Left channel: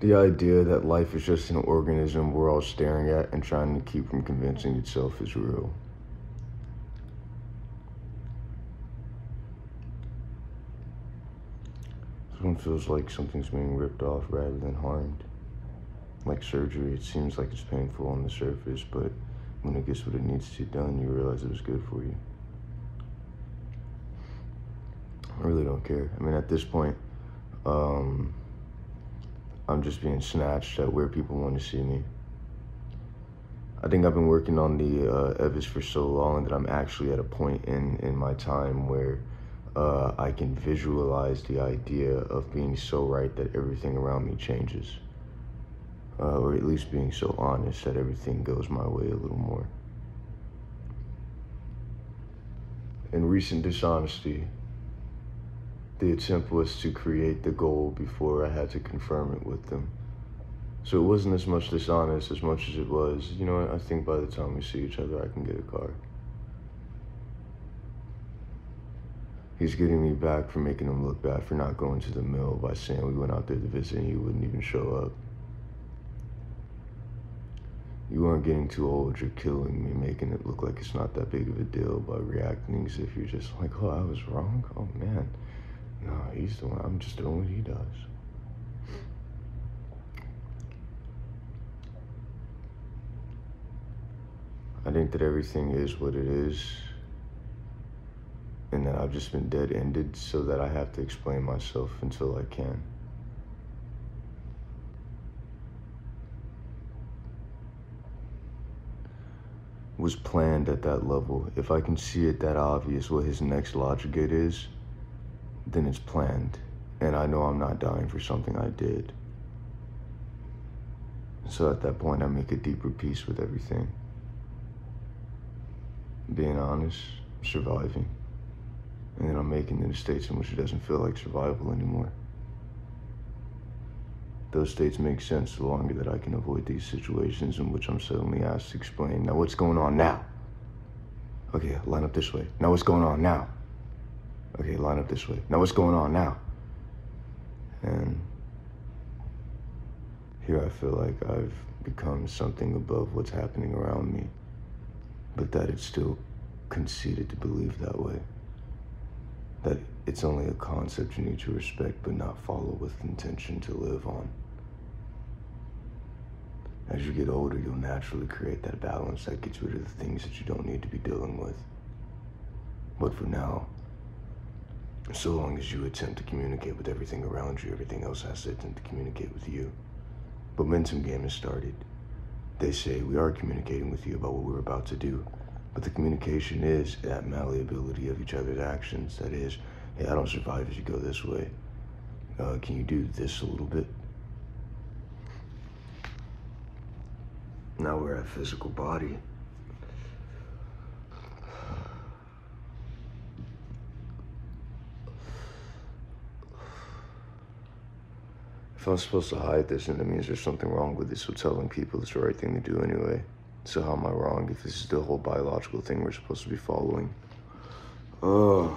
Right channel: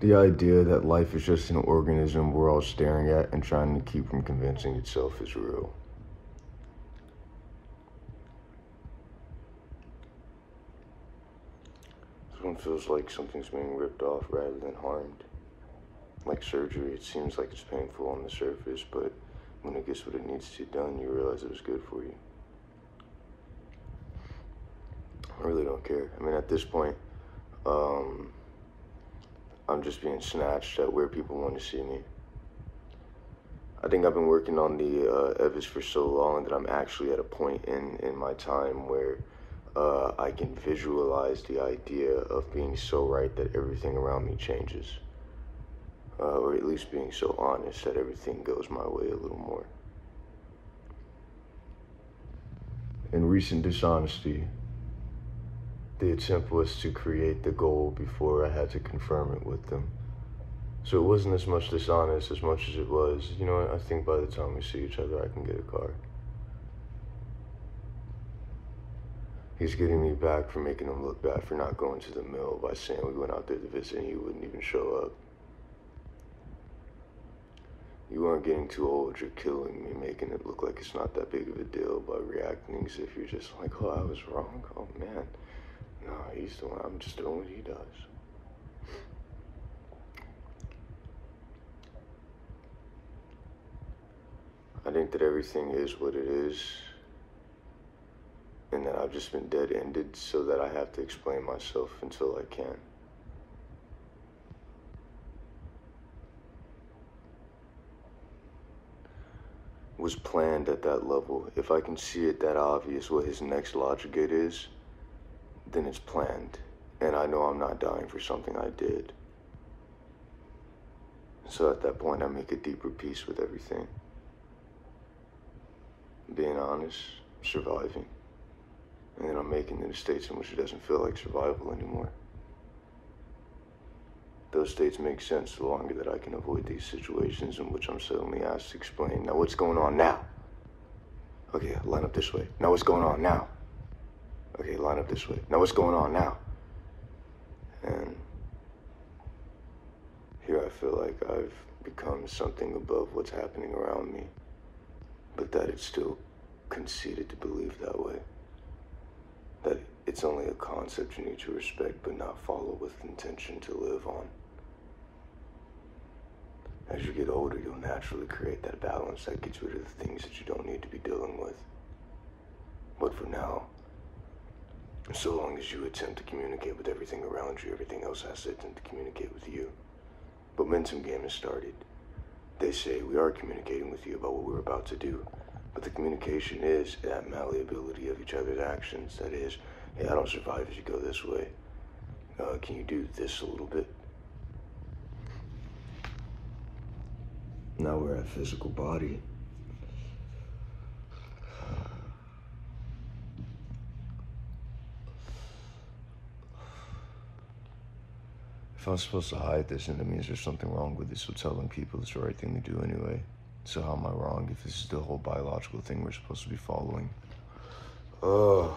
The idea that life is just an organism we're all staring at and trying to keep from convincing itself is real. It feels like something's being ripped off rather than harmed. Like surgery, it seems like it's painful on the surface, but when it gets what it needs to done, you realize it was good for you. I really don't care. I mean, at this point, I'm just being snatched at where people want to see me. I think I've been working on the EVIS for so long that I'm actually at a point in my time where I can visualize the idea of being so right that everything around me changes. Or at least being so honest that everything goes my way a little more. In recent dishonesty, the attempt was to create the goal before I had to confirm it with them. So it wasn't as much dishonest as much as it was, you know what, I think by the time we see each other, I can get a car. He's getting me back for making him look bad for not going to the mill by saying we went out there to visit and he wouldn't even show up. You aren't getting too old, you're killing me, making it look like it's not that big of a deal by reacting as if you're just like, oh, I was wrong? Oh, man. No, he's the one, I'm just doing what he does. I think that everything is what it is, and that I've just been dead-ended so that I have to explain myself until I can. Was planned at that level. If I can see it that obvious what his next logic gate is, then it's planned. And I know I'm not dying for something I did. So at that point, I make a deeper peace with everything. Being honest, surviving. And then I'm making it in states in which it doesn't feel like survival anymore. Those states make sense the longer that I can avoid these situations in which I'm suddenly asked to explain, now what's going on now? Okay, line up this way. Now what's going on now? Okay, line up this way. Now what's going on now? And here I feel like I've become something above what's happening around me, but that it's still conceited to believe that way. That it's only a concept you need to respect but not follow with intention to live on. As you get older, you'll naturally create that balance that gets rid of the things that you don't need to be dealing with. But for now, so long as you attempt to communicate with everything around you, everything else has to attempt to communicate with you. Momentum game has started. They say we are communicating with you about what we're about to do, but the communication is that malleability of each other's actions. That is, hey, I don't survive if you go this way. Can you do this a little bit? Now we're at physical body. If I'm supposed to hide this, then that means there's something wrong with it, so telling people it's the right thing to do anyway. So how am I wrong if this is the whole biological thing we're supposed to be following? Oh.